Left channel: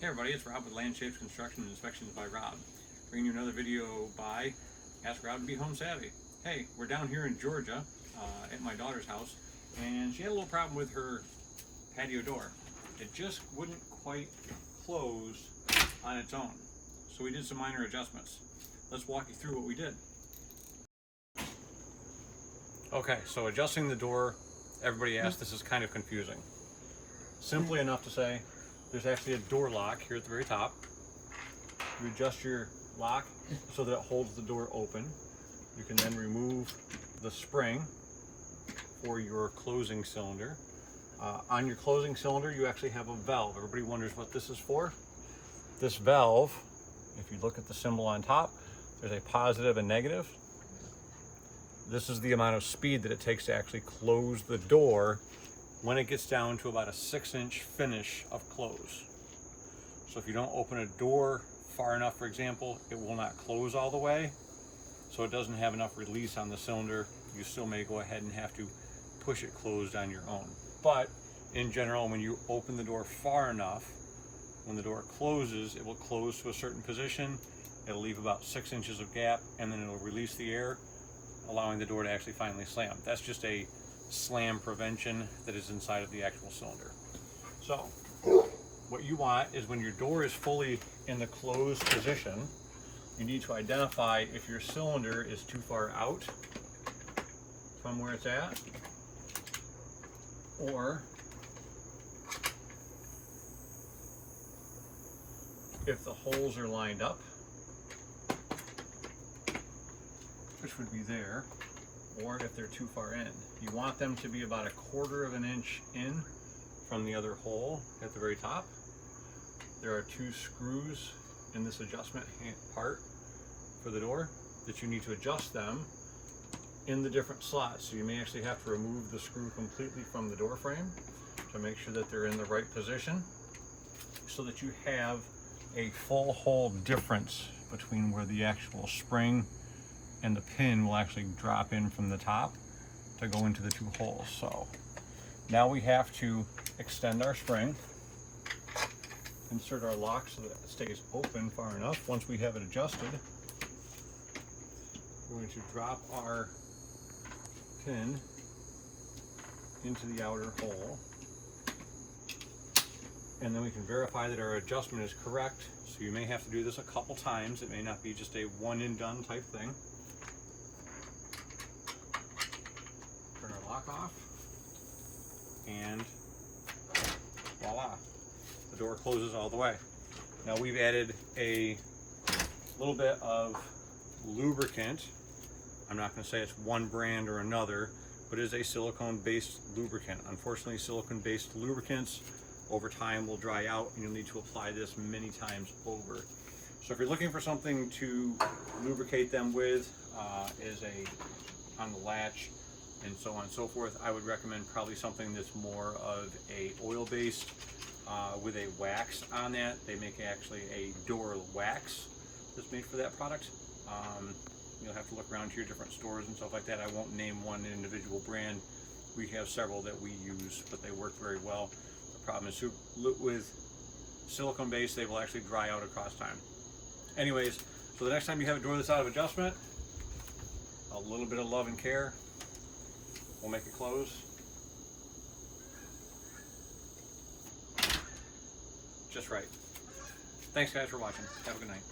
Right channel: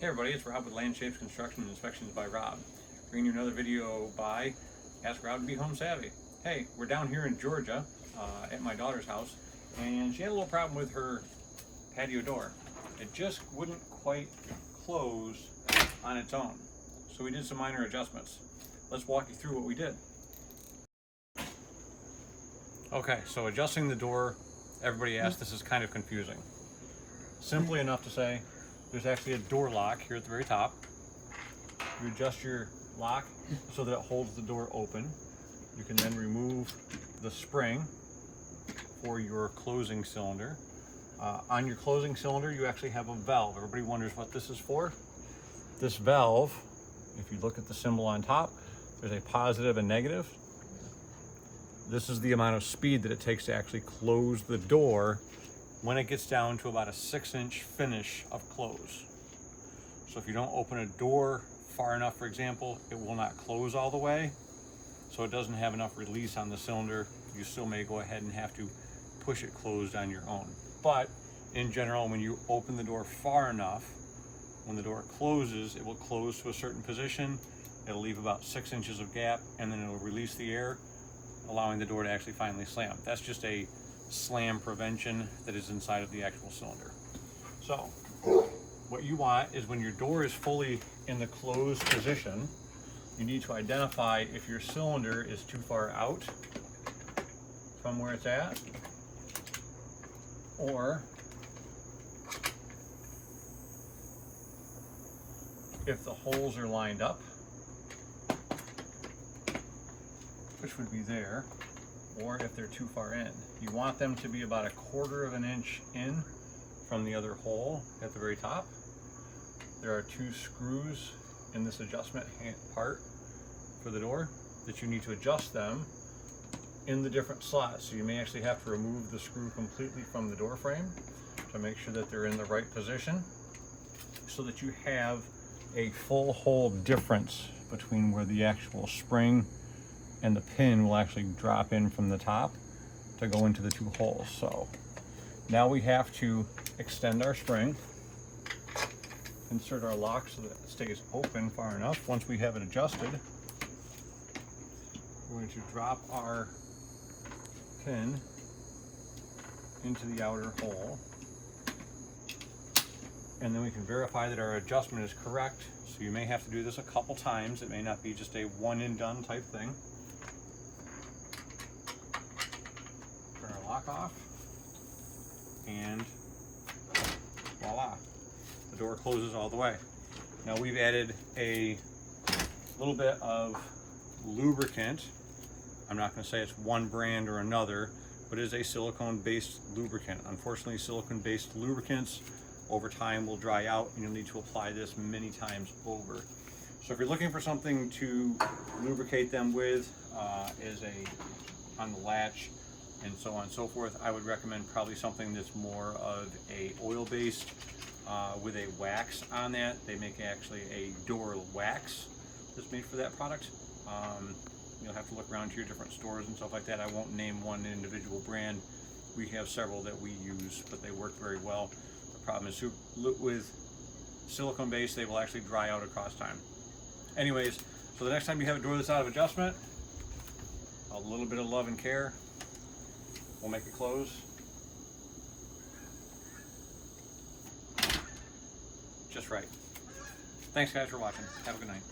Hey everybody, it's Rob with Land Shapes Construction and Inspections by Rob. Bringing you another video by Ask Rob to Be Home Savvy. Hey, we're down here in Georgia at my daughter's house, and she had a little problem with her patio door. It just wouldn't quite close on its own. So we did some minor adjustments. Let's walk you through what we did. Okay, so adjusting the door, everybody asked, this is kind of confusing. Simply enough to say, there's actually a door lock here at the very top. You adjust your lock so that it holds the door open. You can then remove the spring for your closing cylinder. On your closing cylinder, you actually have a valve. Everybody wonders what this is for. This valve, if you look at the symbol on top, there's a positive and negative. This is the amount of speed that it takes to actually close the door when it gets down to about a 6-inch finish of close. So if you don't open a door far enough, for example, it will not close all the way. So it doesn't have enough release on the cylinder. You still may go ahead and have to push it closed on your own. But in general, when you open the door far enough, when the door closes, it will close to a certain position. It'll leave about 6 inches of gap, and then it will release the air, allowing the door to actually finally slam. That's just a slam prevention that is inside of the actual cylinder. So what you want is when your door is fully in the closed position, you need to identify if your cylinder is too far out from where it's at, or if the holes are lined up, which would be there, or if they're too far in. You want them to be about 1/4 of an inch in from the other hole at the very top. There are 2 screws in this adjustment part for the door that you need to adjust them in the different slots. So you may actually have to remove the screw completely from the door frame to make sure that they're in the right position, so that you have a full hole difference between where the actual spring and the pin will actually drop in from the top to go into the 2 holes. So now we have to extend our spring, insert our lock so that it stays open far enough. Once we have it adjusted, we're going to drop our pin into the outer hole, and then we can verify that our adjustment is correct. So you may have to do this a couple times. It may not be just a one and done type thing. Turn our lock off, and voila, the door closes all the way. Now we've added a little bit of lubricant. I'm not going to say it's one brand or another, but it is a silicone-based lubricant. Unfortunately, silicone-based lubricants over time will dry out, and you'll need to apply this many times over. So if you're looking for something to lubricate them with, on the latch and so on and so forth, I would recommend probably something that's more of a oil-based with a wax on that. They make actually a door wax that's made for that product. You'll have to look around to your different stores and stuff like that. I won't name one individual brand. We have several that we use, but they work very well. The problem is with silicone base, they will actually dry out across time. Anyways, so the next time you have a door that's out of adjustment, a little bit of love and care will make it close just right. Thanks guys for watching. Have a good night.